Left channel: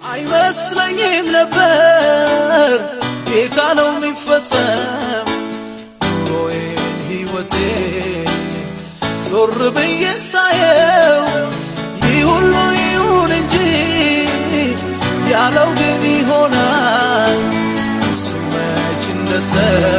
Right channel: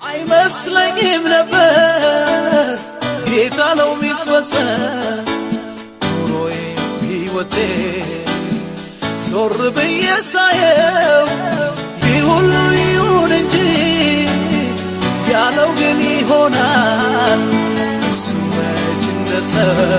አይመስለኝም ነበር ጌታ ነው የሚፈጸም ኑሮዬ ሕይወቴ ዞር ብዬ ሳየው ይህ ሁሉ ይሁን እንጂ ያለው ግን ይሆናል እሱ መች እንደሰው